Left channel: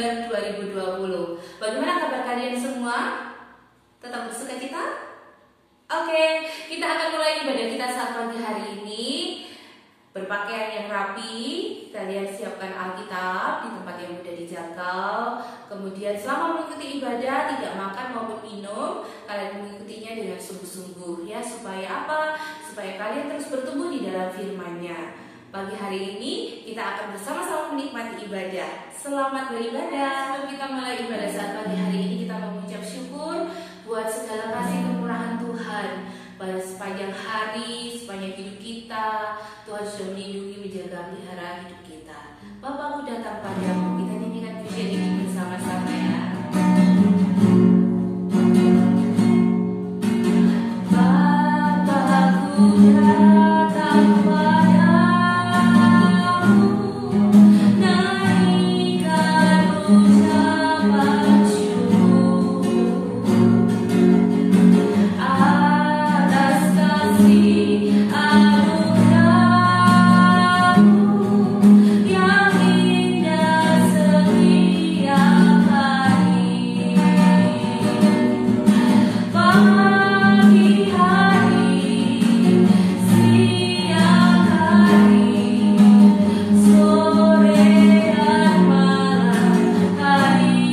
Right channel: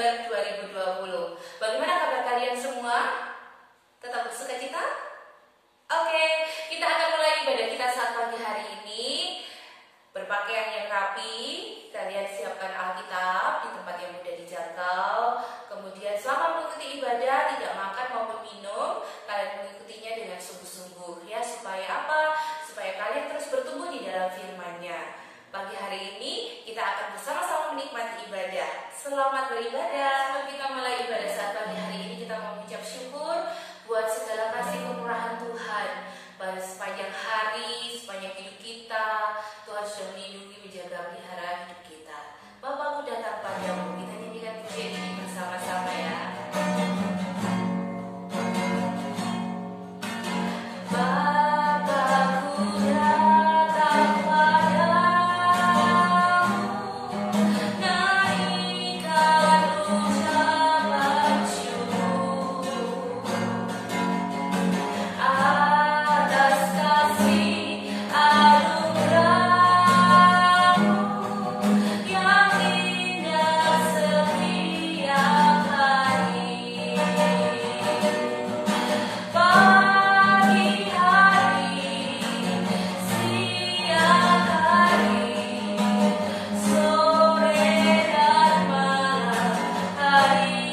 Desember 2020. Bagaimana kabar kalian semua? Tetap bersukacita? Oke, kita akan mulai ibadah kita saat pagi hari ini. Berpakaian yang rapi, kalian siapkan Alkitab di tempat yang mudah dijangkau. Kemudian selama mengikuti ibadah, tidak makan maupun minum, kalian mengikutinya dengan sungguh-sungguh ya. Supaya apa? Supaya kalian terus bertumbuh di dalam firman-Nya. Pagi hari ini kita akan bersama-sama menikmati ibadah. Selamat beribadah. Sebelum kita mulai ibadah saat pagi hari ini, kita mau mengucap syukur buat segala kasih kemurahan Tuhan. Pada sepanjang hari, sepanjang hidup kita, Tuhan sudah melindungi, menjaga, melihara hidup kita. Bapakku datang padamu, kita nyanyikan pujian ini bersama-sama ya. Bapakku datang padamu, naikkan ucapan syukur atas kasih anugerah-Mu yang indah setiap hari. Pagi hari, siang hari, sore dan malam hari,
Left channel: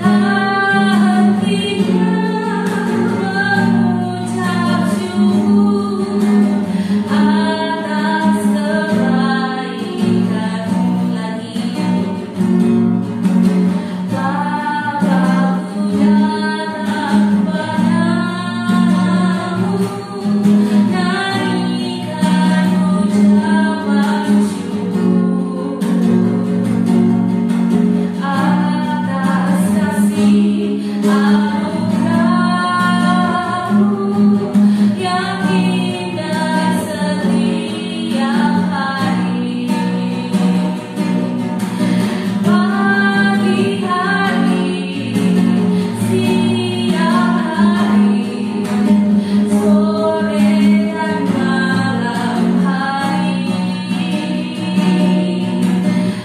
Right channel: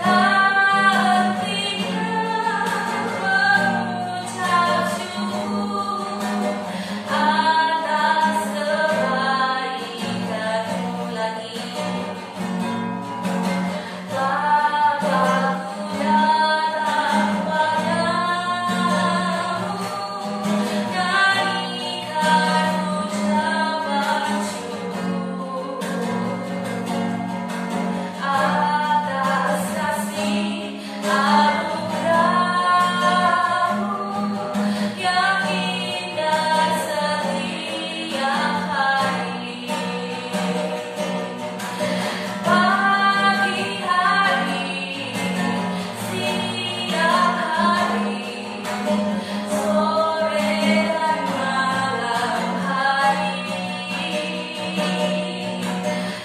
tak hentinya mengucap syukur atas kebaikan-Mu lagi. Bapakku datang padamu, naikkan ucapan syukur atas kasih anugerah-Mu yang indah setiap hari. Pagi hari, siang hari, sore dan malam hari,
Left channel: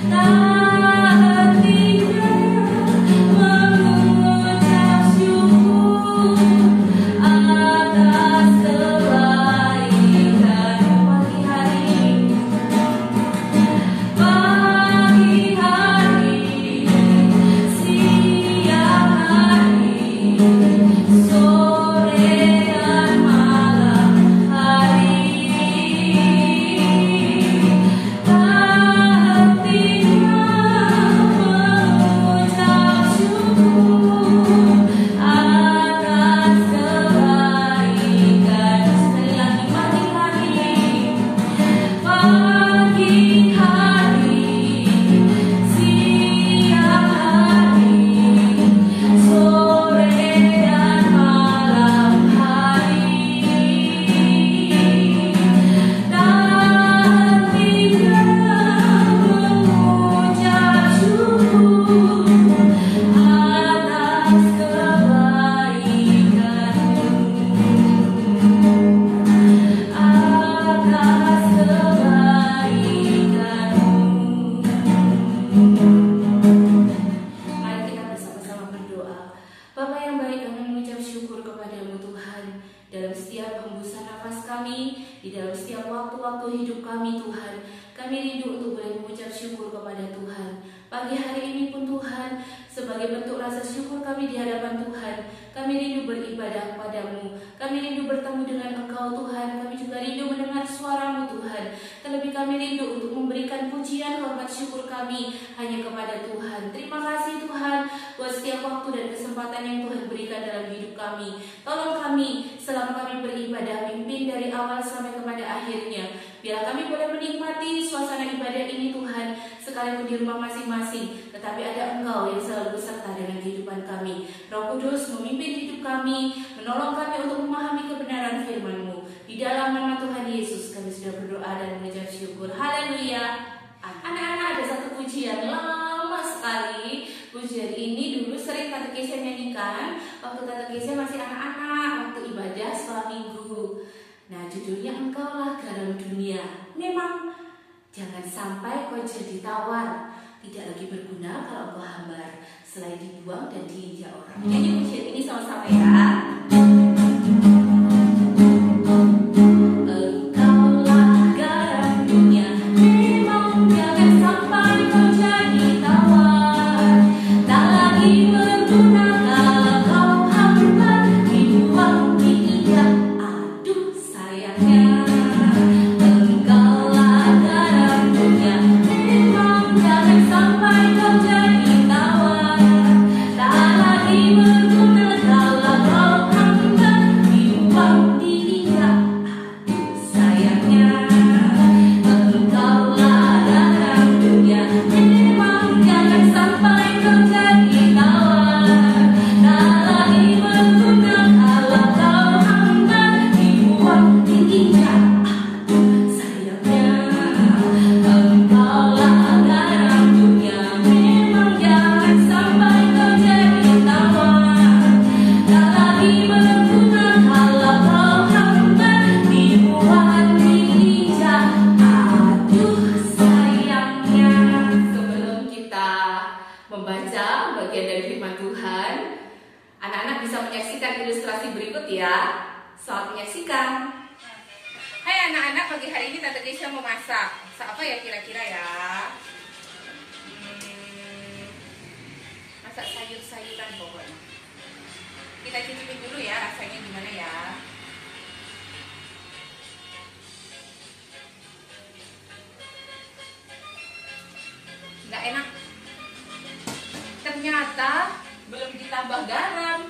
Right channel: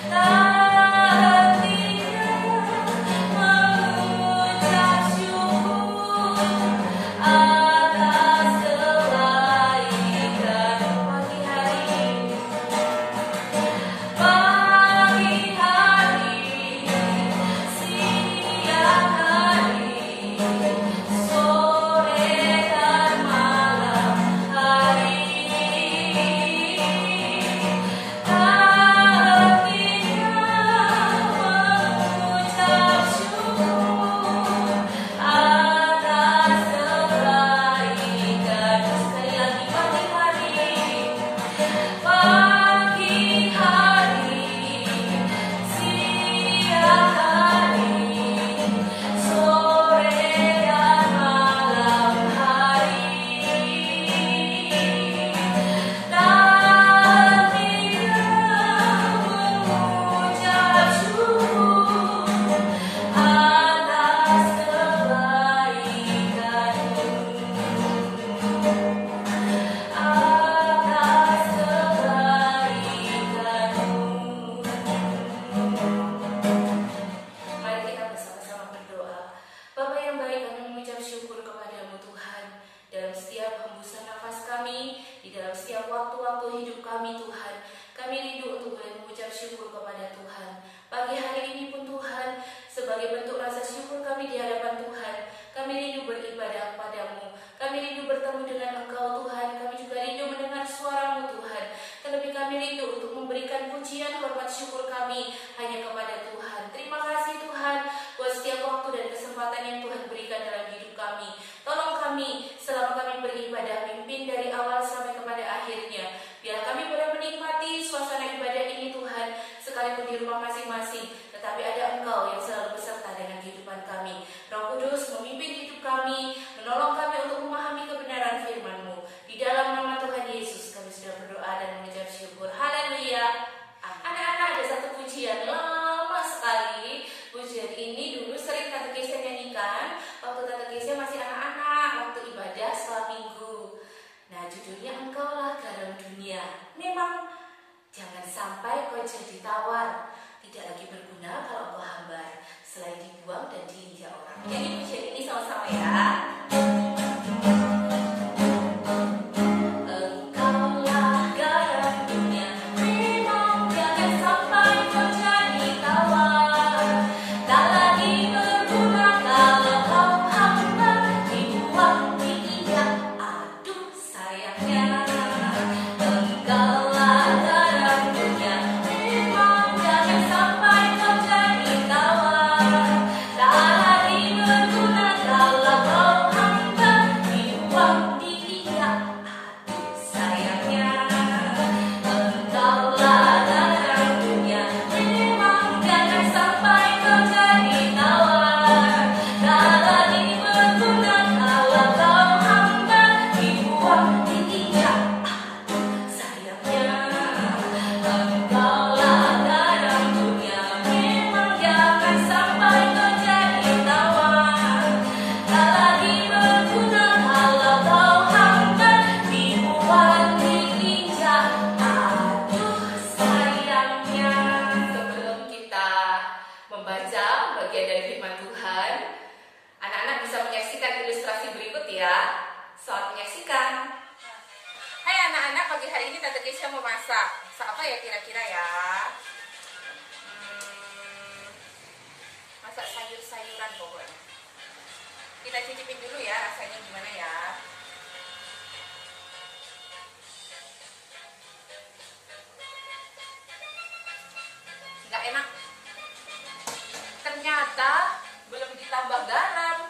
tak hentinya mengucap syukur atas kebaikan. Pagi hari, siang hari, sore dan malam hari, tak hentinya mengucap syukur atas kebaikan. Sekali lagi, pagi hari, siang hari, sore dan malam hari, tak hentinya mengucap syukur atas kebaikan-Mu. Atas kebaikan-Mu. Mari kita bersama-sama berdoa. Bapa yang baik, kami mengucap syukur kepadamu Tuhan. Dalam setiap hembusan nafas kami, di dalam setiap waktu-waktu hidup kami Tuhan, kami rindu untuk boleh mengucap syukur kepada Tuhan. Pagi hari ini pun Tuhan, sebagai bentuk rasa syukur kami di hadapan Tuhan, kami rindu beribadah kepadamu. Kami rindu bertemu dengan Engkau Tuhan. Kami juga rindu mendengar suara-Mu Tuhan. Terlebih kami rindu untuk memberikan pujian, hormat, syukur kami hanya kepada Tuhan. Terima kasih Tuhan buat setiap waktu dan kesempatan yang Tuhan berikan dalam hidup kami. Tolong kami selama kami beribadah, pimpin dari awal sampai kepada akhirnya. Biar kami boleh menikmati suasana ibadah ini Tuhan, sekalipun di rumah masing-masing, tetapi ada Engkau yang selalu beserta dengan kehidupan kami. Roh Kudus memimpin hidup kami, menolong kami untuk memahami kebenaran firman-Mu. Di dalam nama Tuhan Yesus kami sudah berdoa dan mengucap syukur. Haleluya. Anak-anak, ada satu pujian lama sekali. Pujian ini dulu sering Tante Kesia nyanyikan waktu Tante Kesia masih anak-anak, waktu ibadah setelah minggu. Nah, judulnya Engkaulah Garam Dunia. Memang Jangan sampai kau jadi tawar, tidak lagi berguna kalau kau hambar, selain dibuang dan diinjak orang. Nyanyi pujian ini sama-sama ya. Membaca bagian dari firman Tuhan, anak-anak bisa menyaksikan ilustrasi berikut ya. Selamat menyaksikan. Hai anak-anak, pagi hari ini Tante Keisha mau masak. Masak apa ya kira-kira ya? Masak sayur-sayuran pokoknya. Kita cicipin dulu ya rasanya gimana ya. Nggak enak. Ternyata belum ditambah garam.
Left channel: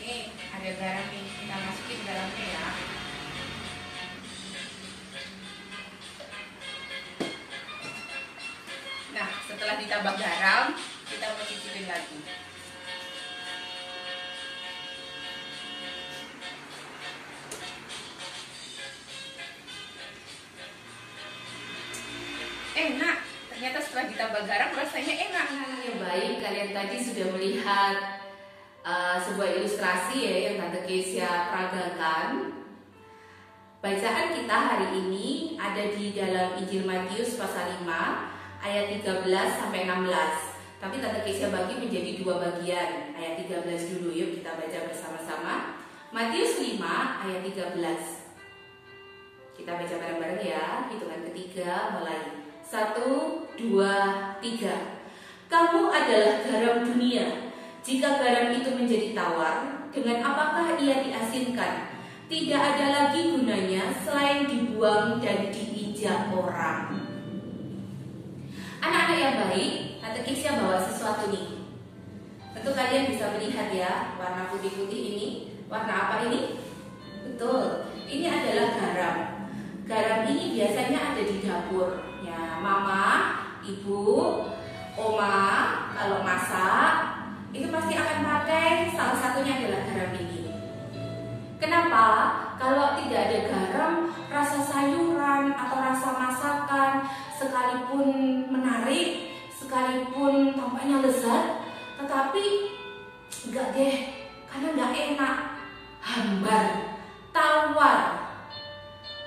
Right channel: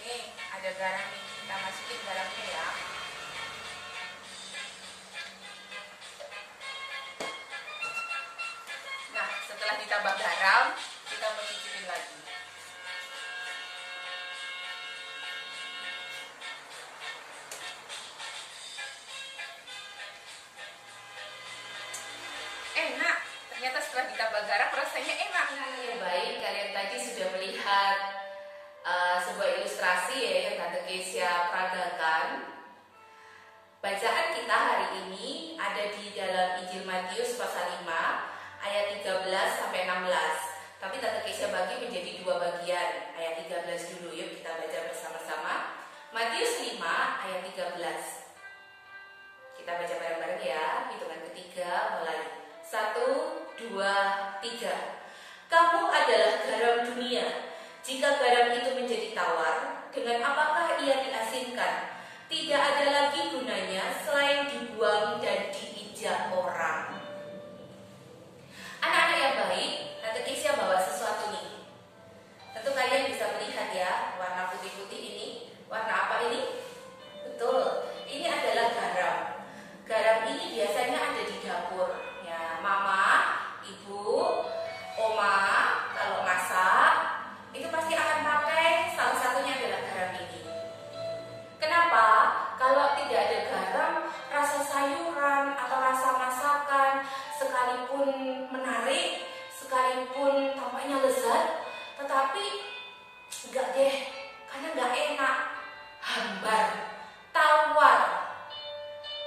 Nih, ada garam nih. Kita masukin garamnya ya. Nah, setelah ditambah garam, kita mau cicipin lagi. Enak. Ternyata setelah ditambah garam rasanya enak. Yang baik, kalian tadi sudah melihat sebuah ilustrasi ya yang Tante Keisha peragakan. Bacaan kita hari ini ada di dalam Injil Matius pasal 5 ayat 13 sampai 16. Tapi Tante Keisha bagi menjadi dua bagian. Ayat 13 dulu, yuk kita baca bersama-sama. Matius 5 ayat 13. Kita baca bareng-bareng ya. Hitungan ketiga mulai. 1, 2, 3. Kamu adalah garam dunia. Jika garam itu menjadi tawar, dengan apakah ia diasinkan? Tidak ada lagi gunanya selain dibuang dan diinjak orang. Anak-anak yang baik, Tante Keisha bawa sesuatu nih. Tentu kalian bisa melihat ya, warna putih-putih ini. Warna apa ini? Betul, ini adalah garam. Garam ini biasanya ada di dapur. Ya, mama, ibu, oma kalau masak itu pasti akan pakai salah satunya adalah garam ini. Kenapa? Kalau tidak ada garam, rasa sayuran atau rasa masakan sekalipun menarik, sekalipun tampaknya lezat, tetapi enggak deh, karena enggak enak, hambar, tawar.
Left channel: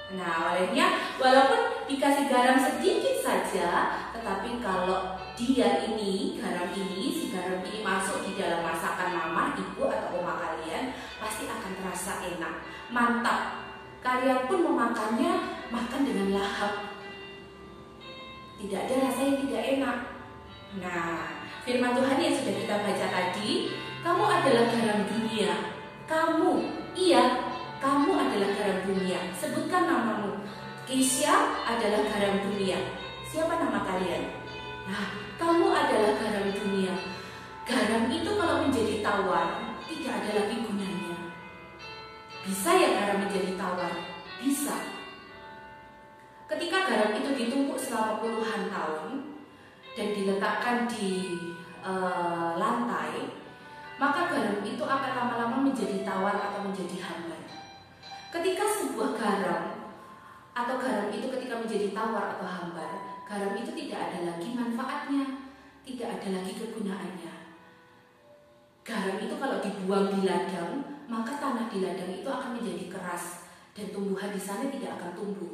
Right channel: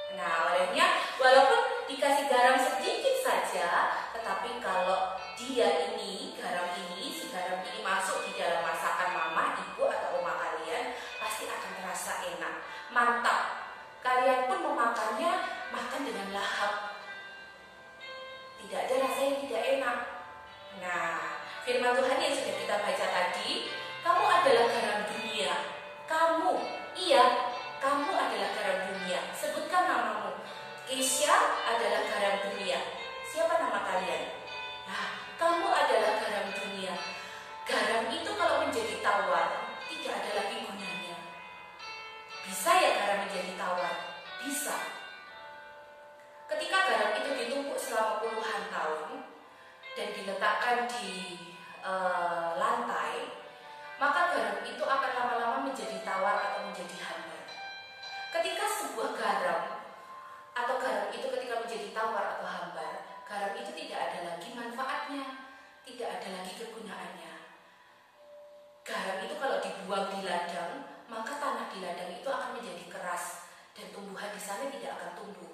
Nah, olehnya walaupun dikasih garam sedikit saja, tetapi kalau dia ini, garam ini, si garam ini masuk di dalam masakan mama, ibu atau oma kalian, pasti akan terasa enak, mantap. Kalian pun memakannya, makan dengan lahap. Tidak ada rasa yang tidak enak. Nah, firman Tuhan yang sudah kita baca tadi, kamu adalah garam dunia. Kamu, iya, kamu adalah garam dunia. Sebutkan namamu. Keisha adalah garam dunia. Siapa nama kalian? Nah, kamu adalah garam dunia. Garam itu kalau menjadi tawar, tidak ada lagi gunanya. Bisa ya garam menjadi tawar? Bisa. Ketika garam itu ditumpuk selama puluhan tahun dan diletakkan di lantai, maka garam itu akan lama-lama menjadi tawar atau menjadi hambar. Ketika sebuah garam atau garam itu ketika menjadi tawar atau hambar, garam itu tidak ada lagi manfaatnya, tidak ada lagi kegunaannya. Garam itu kalau dibuang di ladang, maka tanah di ladang itu akan menjadi keras dan tumbuhan di sana tidak akan tumbuh.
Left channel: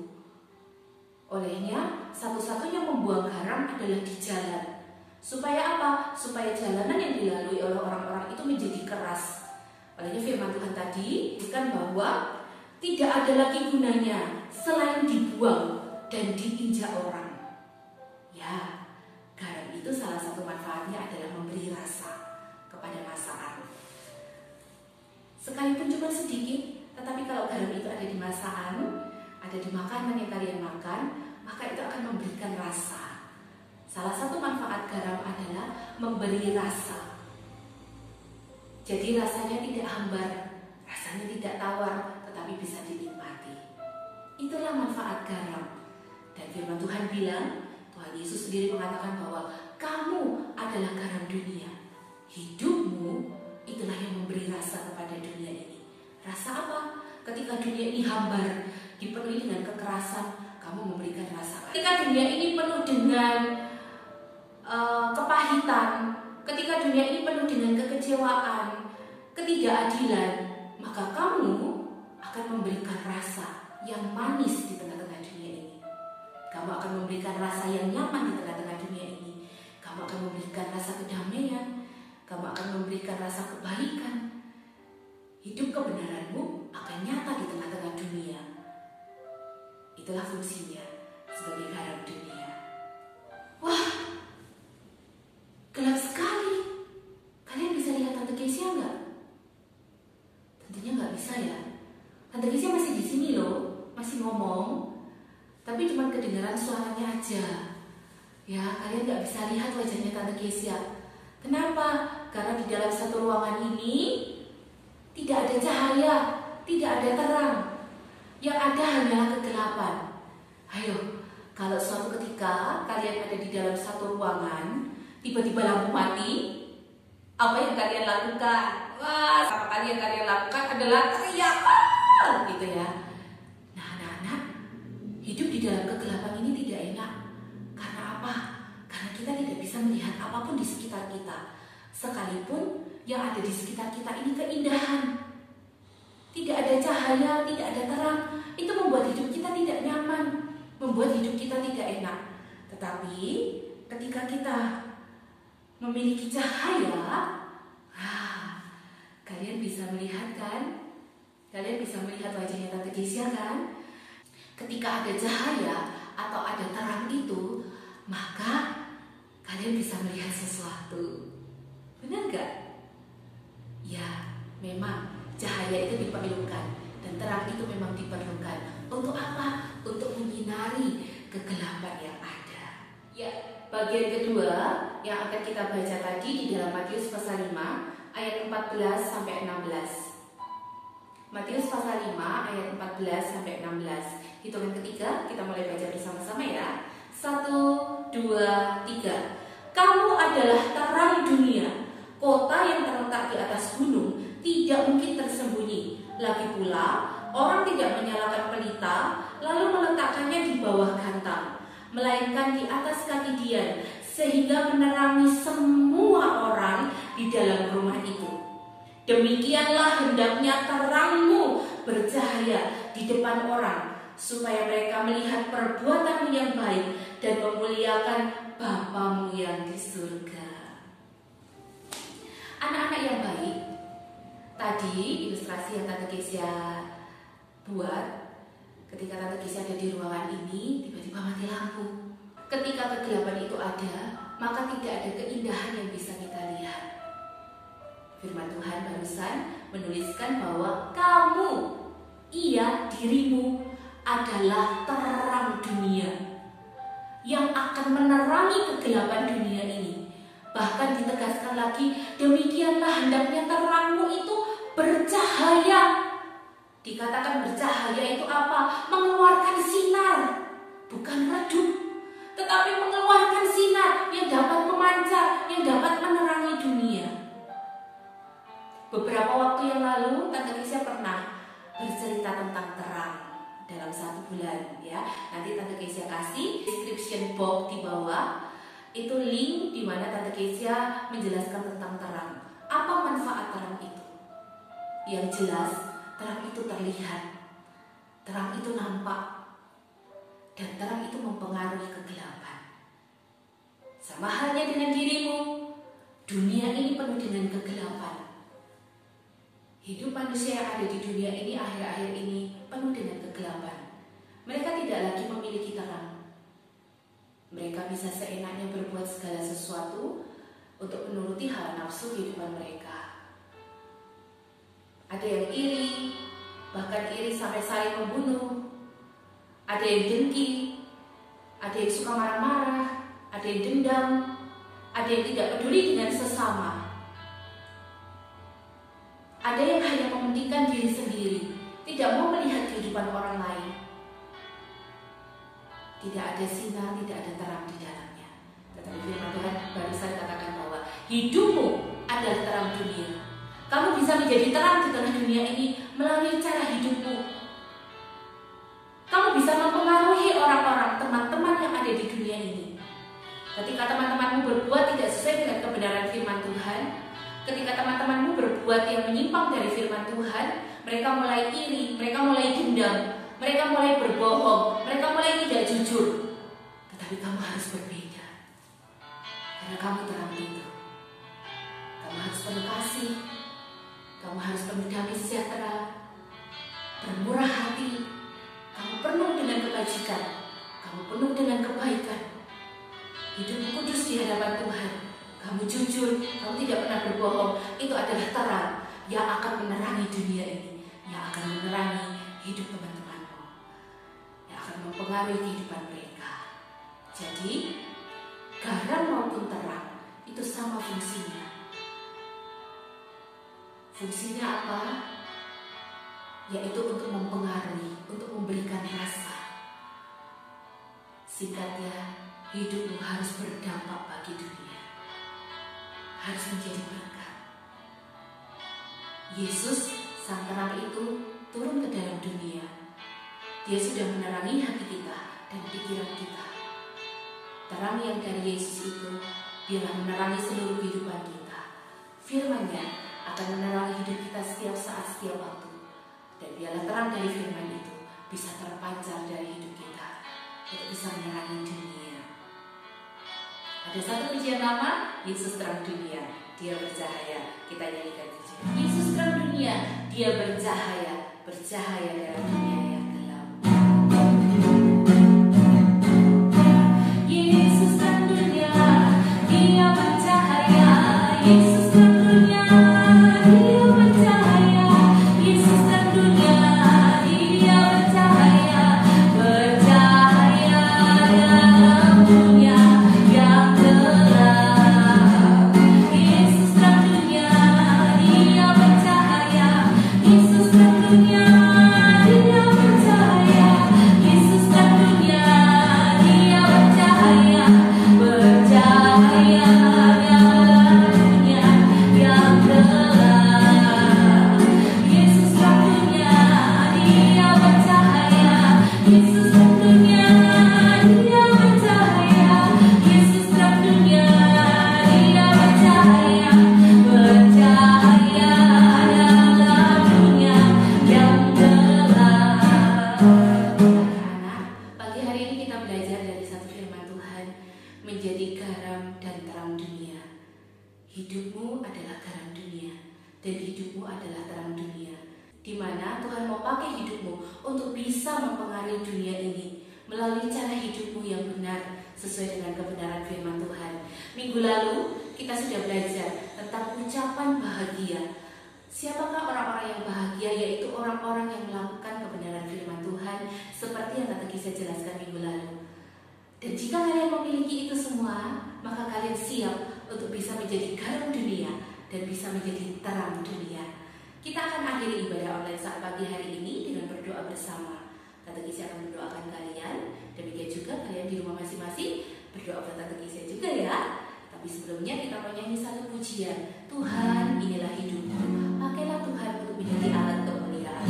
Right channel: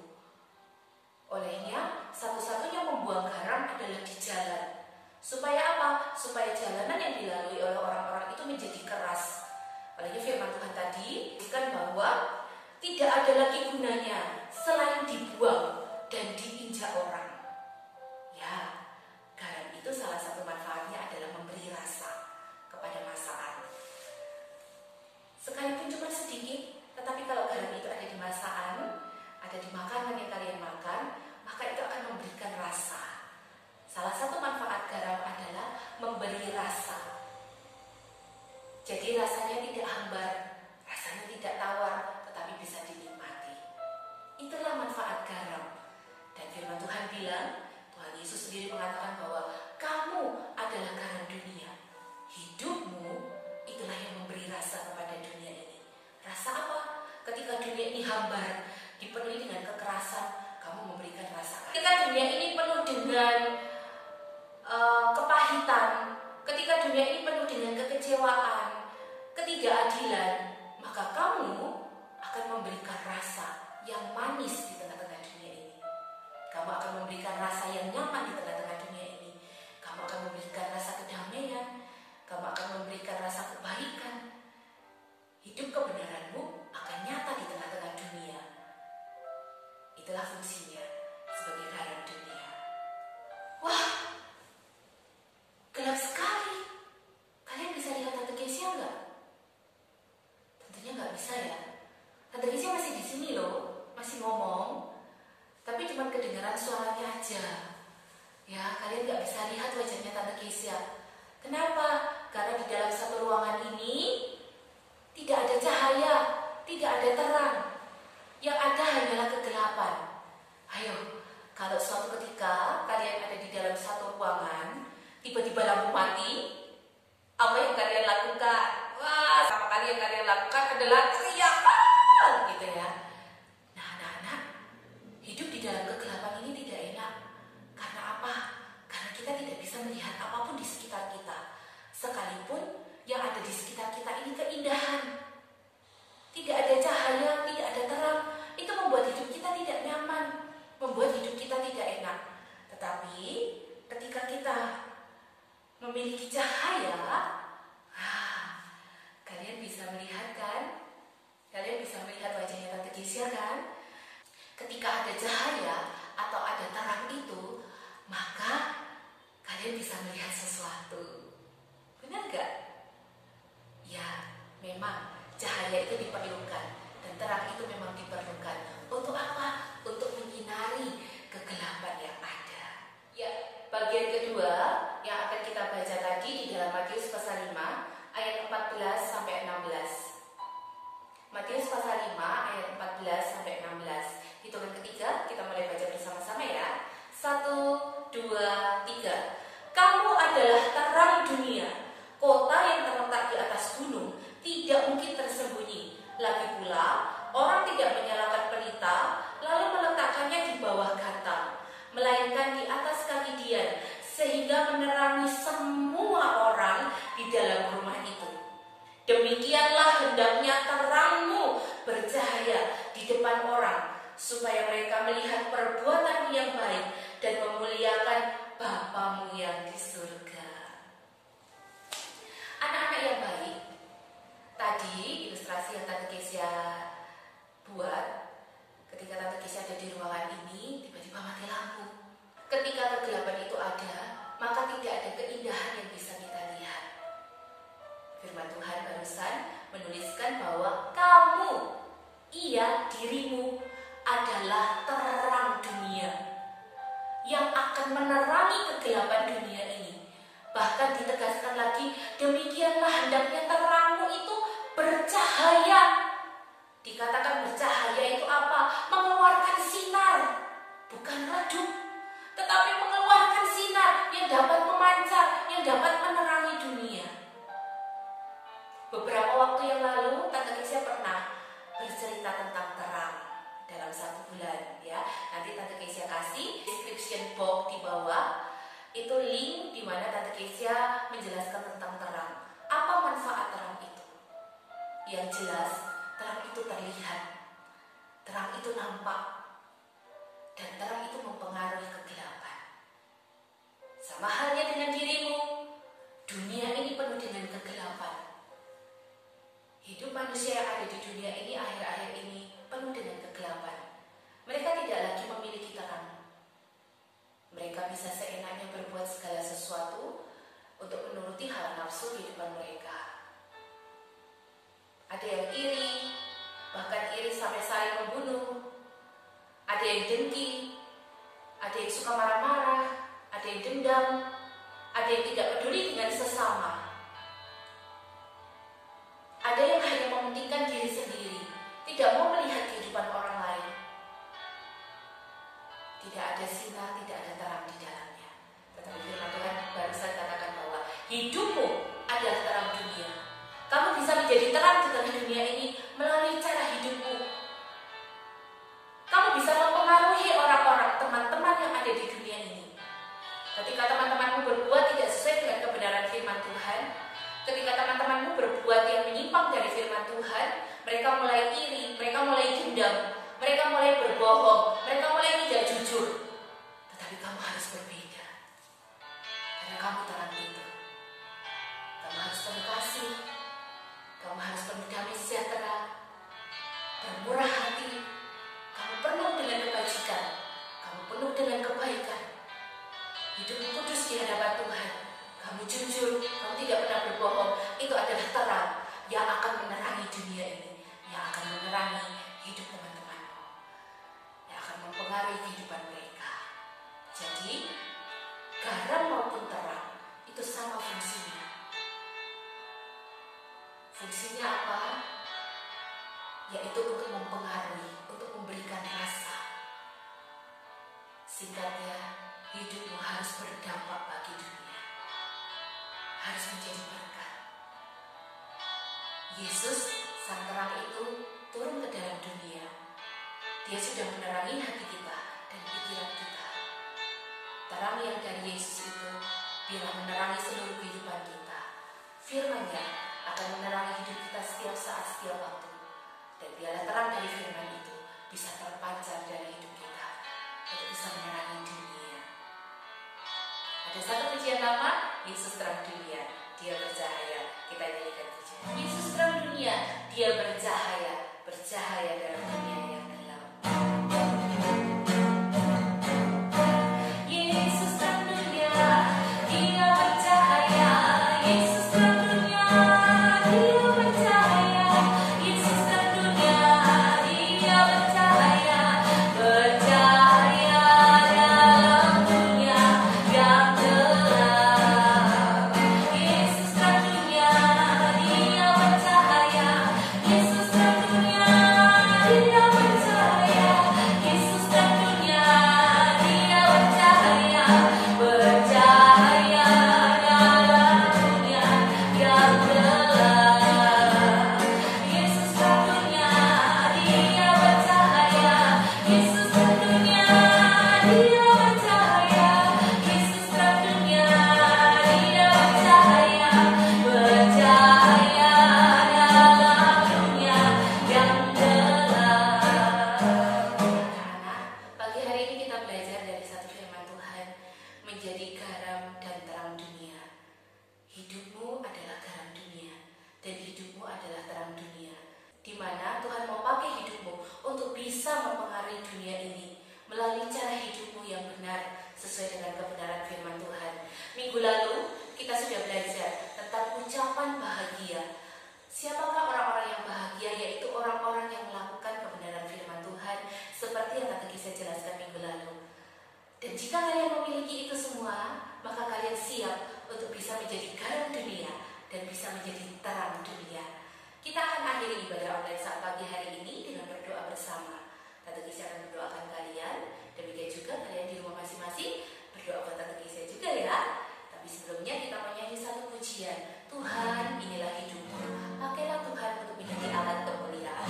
Olehnya, satu-satunya membuang garam adalah di jalan. Supaya apa? Supaya jalanan yang dilalui oleh orang-orang itu menjadi keras. Olehnya firman Tuhan tadi kan bahwa tidak ada lagi gunanya selain dibuang dan diinjak orang. Ya, garam itu salah satu manfaatnya adalah memberi rasa kepada masakan. Sekalipun cuma sedikit, tetapi kalau garam itu ada di masakan, ada di makanan yang kalian makan, maka itu akan memberikan rasa. Salah satu manfaat garam adalah memberi rasa. Jadi rasanya tidak hambar, rasanya tidak tawar, tetapi bisa dinikmati. Itulah manfaat garam. Dan firman Tuhan bilang, Tuhan Yesus sendiri mengatakan bahwa kamu adalah garam dunia. Hidupmu itulah yang memberi rasa kepada dunia ini. Rasa apa? Ketika dunia ini hambar, dipenuhi dengan kekerasan, kamu memberikan rasa. Ketika dunia ini penuh dengan kepahitan, ketika dunia ini penuh dengan kekecewaan, ketidakadilan, maka kamu akan memberikan rasa yang manis di tengah-tengah dunia ini. Kamu akan memberikan rasa yang nyaman di tengah-tengah dunia ini. Kamu akan memberikan rasa kedamaian. Kamu akan memberikan rasa kebaikan. Hidup kebenaranmu akan nyata di tengah-tengah dunia. Itulah fungsinya sebagai garam dunia. Wah, gelap sekali. Kalian bisa lihat Tante Kesia nggak? Tentunya nggak bisa ya. Tante Kesia masih di sini loh, masih ngomong. Tapi cuma kedengaran suaranya aja. Ya, kalian nggak bisa lihat wajahnya Tante Kesia. Kenapa? Karena di dalam satu ruangan ini tidak ada cahaya, tidak ada terang. Yang ada hanyalah kegelapan. Ayo, kalau suatu ketika kalian ada di dalam satu ruangan, tiba-tiba lampu mati, apa yang kalian lakukan? Wah, apa kalian lakukan adalah teriak, gitu ya. Nah, anak-anak, hidup di dalam kegelapan ini tidak enak. Karena apa? Karena kita tidak bisa melihat apapun di sekitar kita. Sekalipun yang ada di sekitar kita ini keindahan. Tidak ada cahaya, tidak ada terang. Itu membuat hidup kita tidak nyaman, membuat hidup kita tidak enak. Tetapi ketika kita memiliki cahaya, kalian bisa melihat kan? Kalian bisa melihat wajahnya Tante Kesia kan? Ketika ada cahaya atau ada terang itu, maka kalian bisa melihat sesuatu. Benar gak? Ya, memang cahaya itu diperlukan dan terang itu memang diperlukan. Untuk apa? Untuk menyinari kegelapan yang ada. Ya, bagian kedua yang akan kita baca tadi di dalam Matius pasal 5 ayat 14 sampai 16. Matius pasal 5 ayat 14 sampai 16. Hitungan ketiga, kita mulai baca bersama-sama ya. 1, 2, 3. Kamu adalah terang dunia. Kota yang terletak di atas gunung tidak mungkin tersembunyi. Lagi pula, orang tidak menyalakan pelita lalu meletakkannya di bawah gantang, melainkan di atas kaki dian, sehingga menerangi semua orang di dalam rumah itu. Demikianlah hendaknya terangmu bercahaya di depan orang, supaya mereka melihat perbuatanmu yang baik dan memuliakan Bapamu yang di surga. Anak-anak yang baik, tadi ilustrasi yang Tante Kesia buat, ketika Tante Kesia ada di ruangan ini, tiba-tiba mati lampu. Ketika kegelapan itu ada, maka tidak ada keindahan yang bisa kita lihat. Firman Tuhan barusan menuliskan bahwa kamu, dirimu adalah terang dunia yang akan menerangi kegelapan dunia ini. Bahkan ditegaskan lagi, demikianlah hendaknya terangmu itu bercahaya. Dikatakan bercahaya itu apa? Mengeluarkan sinar, bukan redup, tetapi mengeluarkan sinar yang dapat memancar, yang dapat menerangi dunia. Beberapa waktu yang lalu, Tante Kesia pernah bercerita tentang terang dalam 1 bulan, ya. Nanti Tante Kesia kasih description box di bawah. Itu link di mana Tante Kesia menjelaskan tentang terang. Apa manfaat terang itu? Yang jelas, terang itu terlihat. Terang itu nampak. dan terang itu mempengaruhi kegelapan. Sama halnya dengan dirimu, dunia ini penuh dengan kegelapan. Hidup manusia yang ada di dunia ini akhir-akhir ini penuh dengan kegelapan. Mereka tidak lagi memiliki terang. Mereka bisa seenaknya berbuat segala sesuatu untuk menuruti hawa nafsu kehidupan mereka. Ada yang iri, bahkan iri sampai saling membunuh. Ada yang dengki, ada yang suka marah-marah, ada yang dendam, ada yang tidak peduli dengan sesama. Ada yang hanya mementingkan diri sendiri, tidak mau melihat kehidupan orang lain. Tidak ada sinar, tidak ada terang di dalamnya. Tetapi firman Tuhan barusan katakan bahwa hidupmu adalah terang dunia. Kamu bisa menjadi terang di tengah dunia ini melalui cara hidupmu. Kamu bisa mempengaruhi orang-orang, teman-teman yang ada di dunia ini. Ketika teman-temanmu berbuat tidak sesuai dengan kebenaran firman Tuhan, ketika teman-temanmu berbuat yang menyimpang dari firman Tuhan, mereka mulai iri, mereka mulai dendam, mereka mulai berbohong, mereka mulai tidak jujur. Tetapi kamu harus berbeda. Karena kamu terang itu. Kamu harus penuh kasih. Kamu harus penuh damai sejahtera. Bermurah hati. Kamu penuh dengan kebajikan. Kamu penuh dengan kebaikan. Hidupmu kudus di hadapan Tuhan. Kamu jujur. Kamu tidak pernah berbohong. Itu adalah terang yang akan menerangi dunia ini. Yang akan menerangi hidup teman-teman. Mempengaruhi kehidupan mereka. Jadi, garam maupun terang itu sama fungsinya. Fungsinya apa? Yaitu untuk mempengaruhi, untuk memberikan rasa. Singkatnya, hidupmu harus berdampak bagi dunia. Harus menjadi berkat. Yesus, sang terang itu, turun ke dalam dunia. Dia sudah menerangi hati kita dan pikiran kita. Terang yang dari Yesus itu biarlah menerangi seluruh kehidupan kita. Firman-Nya akan menerangi hidup kita setiap saat, setiap waktu. Dan biarlah terang dari firman itu bisa terpancar dari hidup kita untuk bisa menerangi dunia. Ada satu pujian nama, Yesus terang dunia, Dia bercahaya. Kita nyanyikan pujian. Yesus terang dunia, Dia bercahaya, bercahaya dalam dunia yang gelap. Yesus terang dunia, Dia bercahaya. Yesus terang dunia, Dia bercahaya. Yesus terang dunia, Dia bercahaya. Bercahaya dalam dunia yang gelap. Yesus terang dunia, Dia bercahaya. Yesus terang dunia, Dia bercahaya. Yesus terang dunia, Dia bercahaya. Bercahaya dalam dunia yang gelap. Yesus terang dunia, Dia bercahaya. Yesus terang dunia, Dia bercahaya. Yesus terang dunia, Dia bercahaya. Bercahaya dalam dunia yang gelap. Anak-anak, pagi hari ini kita belajar dari satu firman Tuhan, menjadi garam dan terang dunia. Hidupmu adalah garam dunia dan hidupmu adalah terang dunia. Di mana Tuhan mau pakai hidupmu untuk bisa mempengaruhi dunia ini melalui cara hidupmu yang benar sesuai dengan kebenaran firman Tuhan. Minggu lalu kita sudah belajar tentang ucapan bahagia. Siapakah orang-orang yang bahagia? Yaitu orang-orang yang melakukan kebenaran firman Tuhan seperti yang Tante Kisah jelaskan minggu lalu. Dan jika kalian memiliki itu semua, maka kalian siap untuk bisa menjadi garam dunia dan bisa menjadi terang dunia. Kita akan akhiri ibadah online saat pagi hari ini dengan berdoa bersama. Tante Kisah akan mendoakan kalian. Demikian juga kalian di rumah masing-masing berdoa buat Tante Kisah juga ya. Tapi sebelumnya kita mau nyanyi satu pujian. Tuhan, inilah hidupmu. Pakailah Tuhan untuk menjadi alat kemuliaan.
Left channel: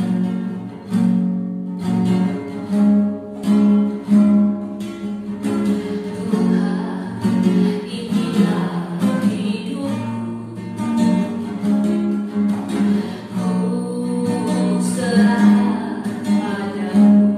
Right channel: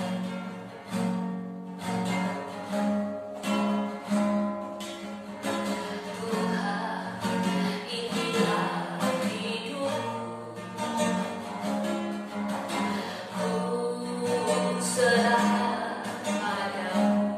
Serah padamu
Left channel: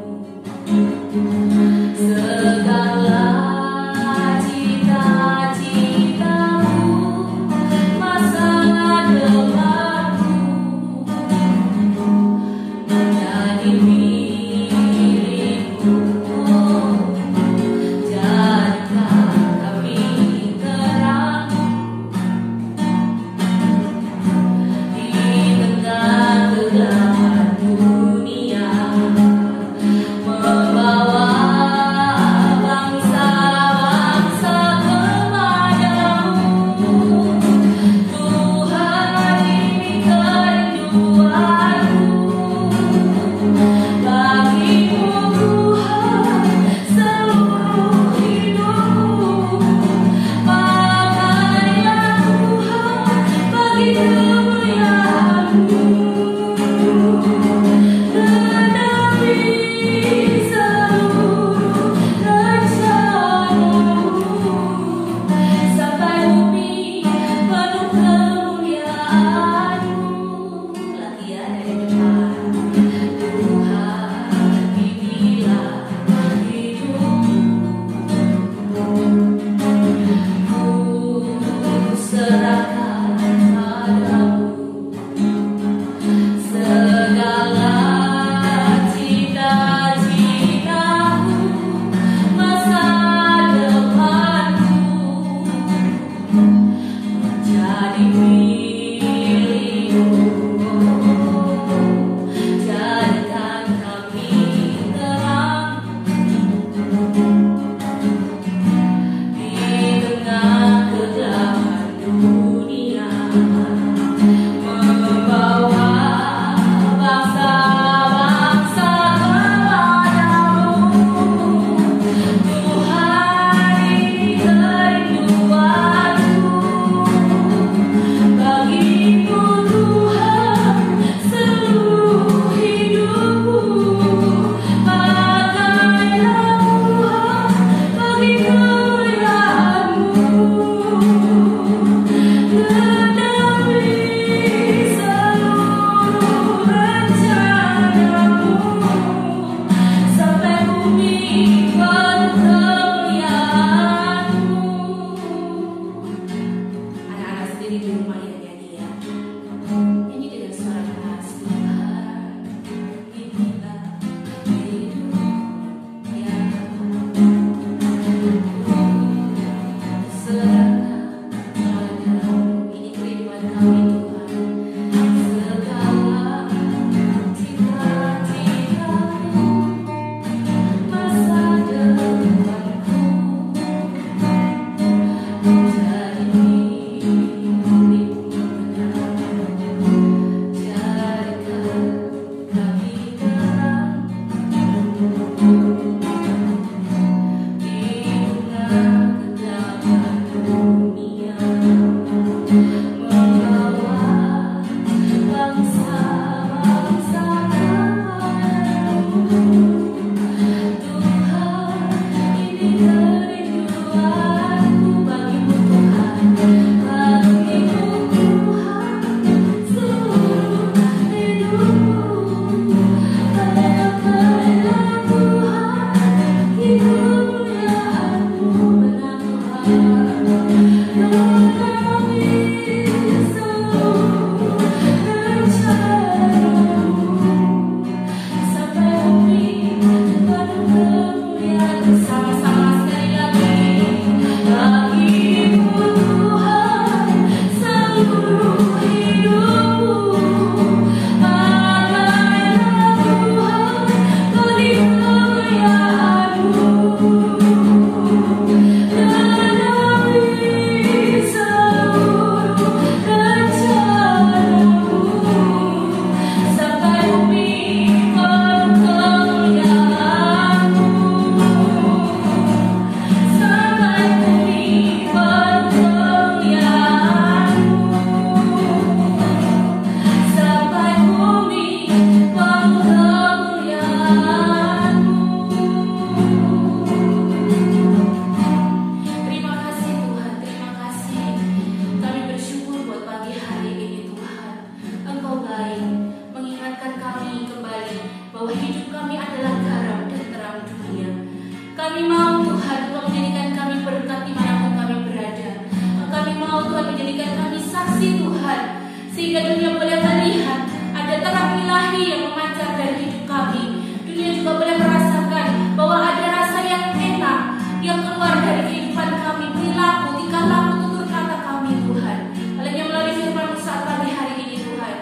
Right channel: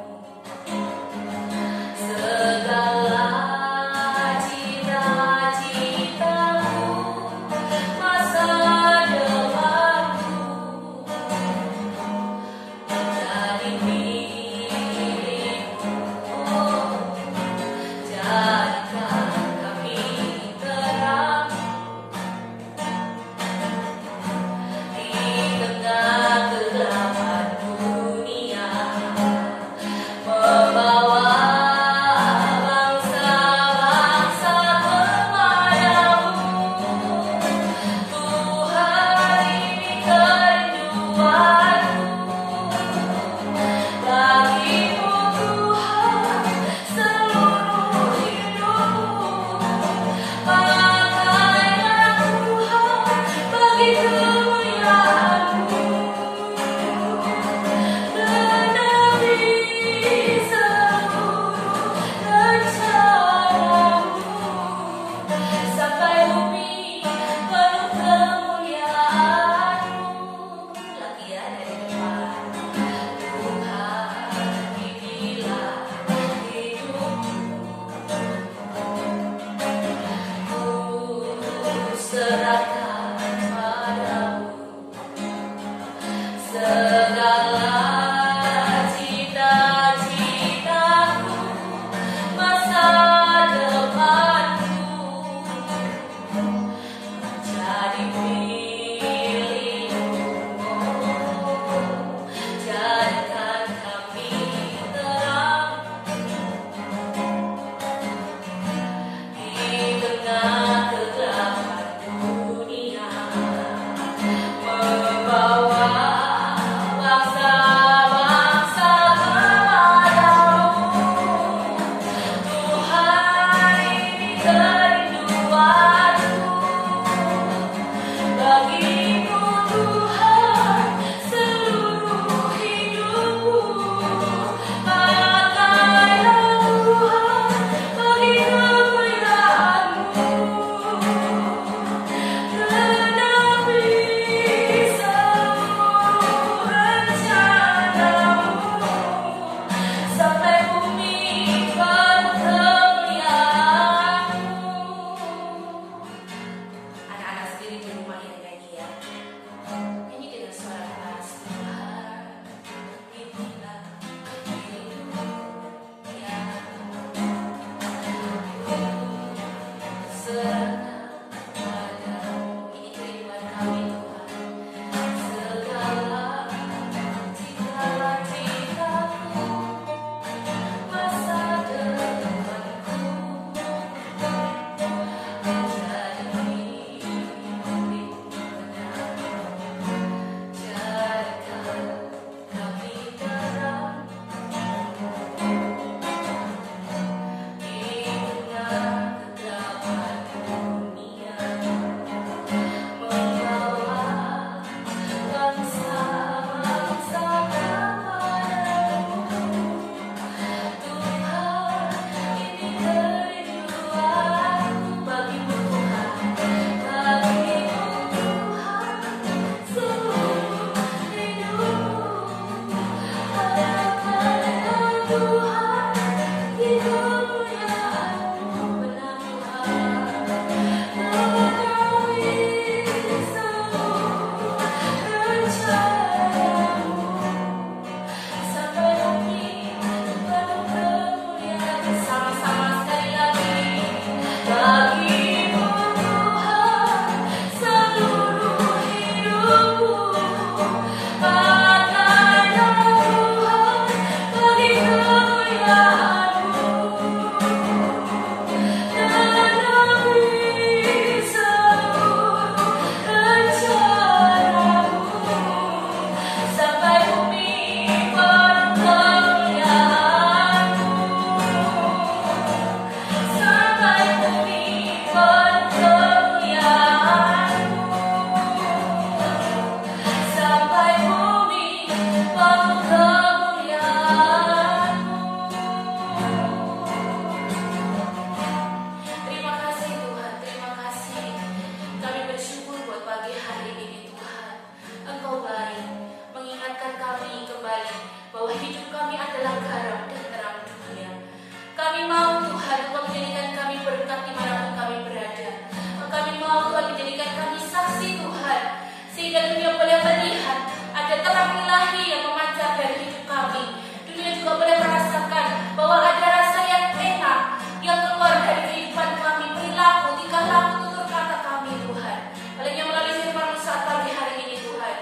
sehingga dunia boleh melihat ada terang ilahi yang memancar dari hidup kami. Dunia juga boleh merasakan bahwa ada rasa yang enak yang keluar dari kehidupan kami, perilaku, tingkah laku, tutur kata kami, Tuhan. Olehnya melalui firman-Mu saat pagi hari ini, Tuhan,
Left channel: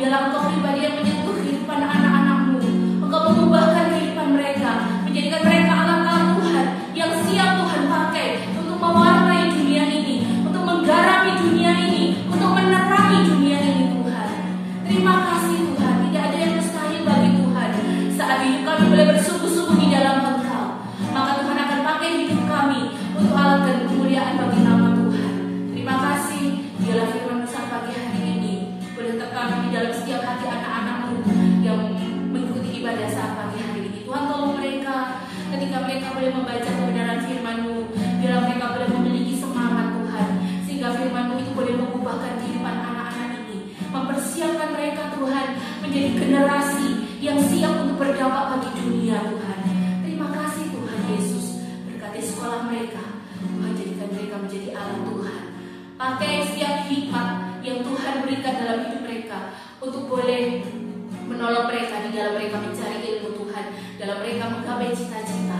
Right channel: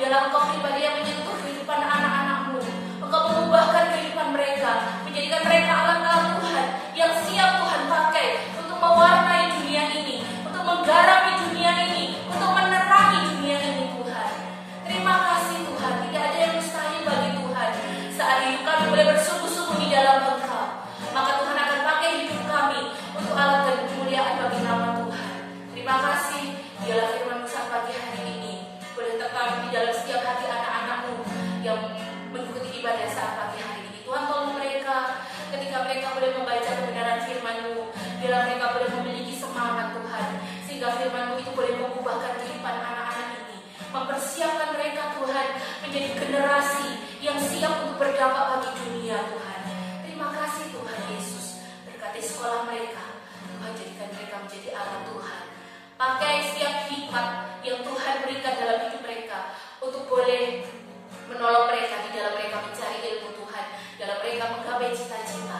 biarlah Engkau pribadi yang menyentuh kehidupan anak-anak-Mu. Engkau mengubahkan kehidupan mereka, menjadikan mereka alat-alat Tuhan yang siap Tuhan pakai untuk mewarnai dunia ini, untuk menggarami dunia ini, untuk menerangi dunia ini, Tuhan. Terima kasih, Tuhan. Tidak ada yang mustahil bagi Tuhan. Saat hidup kami boleh bersungguh-sungguh di dalam Engkau, maka Tuhan akan pakai hidup kami untuk alat dan kemuliaan bagi nama Tuhan. Terima kasih. Biarlah firman-Mu saat pagi hari ini boleh tertanam di dalam setiap hati anak-anak-Mu yang mengikuti ibadah saat pagi hari ini. Tuhan, tolong mereka ketika mereka boleh membaca kebenaran firman-Mu. Biarlah mereka boleh memiliki semangat, Tuhan, sehingga firman-Mu itu boleh mengubahkan kehidupan anak-anak ini, mempersiapkan mereka, Tuhan, menjadi generasi yang siap untuk berdampak bagi dunia, Tuhan. Terima kasih, Tuhan Yesus. Berkati sekolah mereka, Tuhan, jadikan mereka menjadi alat Tuhan. Pakai setiap hikmat yang Tuhan berikan dalam hidup mereka untuk boleh menolong mereka di dalam mereka mencari ilmu Tuhan, dalam mereka menggapai cita-cita.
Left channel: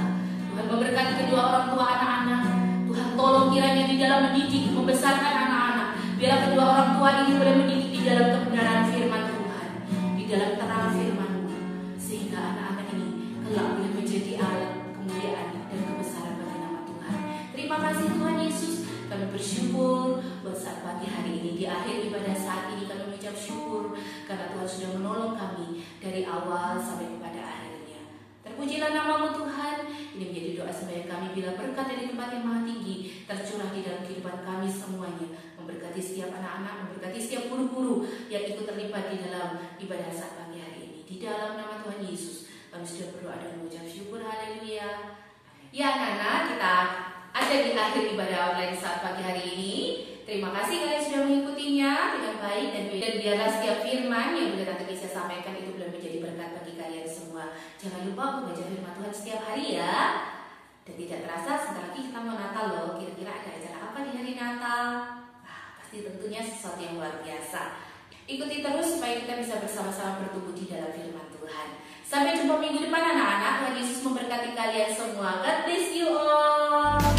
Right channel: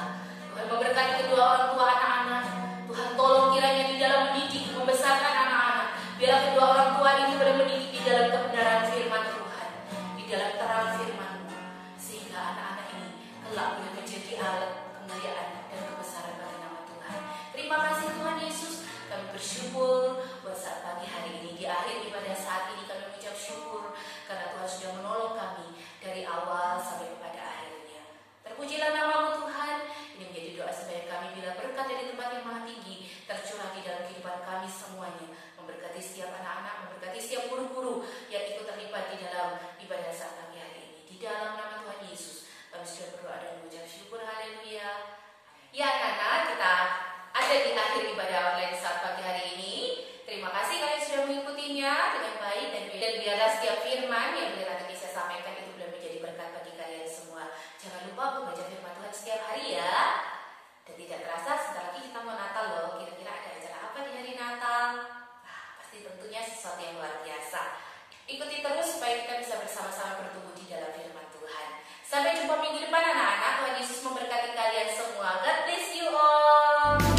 Tuhan memberkati kedua orang tua anak-anak. Tuhan tolong kiranya di dalam mendidik, membesarkan anak-anak, biarlah kedua orang tua ini boleh mendidik di dalam kebenaran firman Tuhan, di dalam terang firman-Mu, sehingga anak-anak ini kelak boleh menjadi alat kemuliaan dan kebesaran bagi nama Tuhan. Terima kasih Tuhan Yesus. Kami bersyukur buat saat pagi hari ini. Di akhir ibadah saat ini kami mengucap syukur karena Tuhan sudah menolong kami dari awal sampai kepada akhirnya. Terpujilah nama-Mu Tuhan. Ini menjadi doa sembahyang kami bila berkat dari tempat yang maha tinggi tercurah di dalam kehidupan kami semuanya. Memberkati setiap anak-anak, memberkati setiap guru-guru yang ikut terlibat di dalam ibadah saat pagi hari ini. Di dalam nama Tuhan Yesus kami sudah berdoa dan mengucap syukur. Haleluya. Ya anak-anak, kita ada di akhir ibadah online saat pagi hari ini. Terima kasih kalian sudah mengikutinya dengan baik, dan biarlah setiap firman yang boleh Tante Kisah sampaikan itu boleh menjadi berkat bagi kalian semua. Jangan lupa membaca firman Tuhan setiap hari ya. Dan tidak terasa sebentar lagi kita mau Natal loh. Kira-kira ada acara apa di hari Natal? Nah, pasti tentunya sesuatu yang luar biasa. Ikuti terus supaya kita bisa bersama-sama bertumbuh di dalam firman Tuhan. Sampai jumpa minggu depan anak-anak. Tuhan Yesus memberkati kalian semua. God bless you all.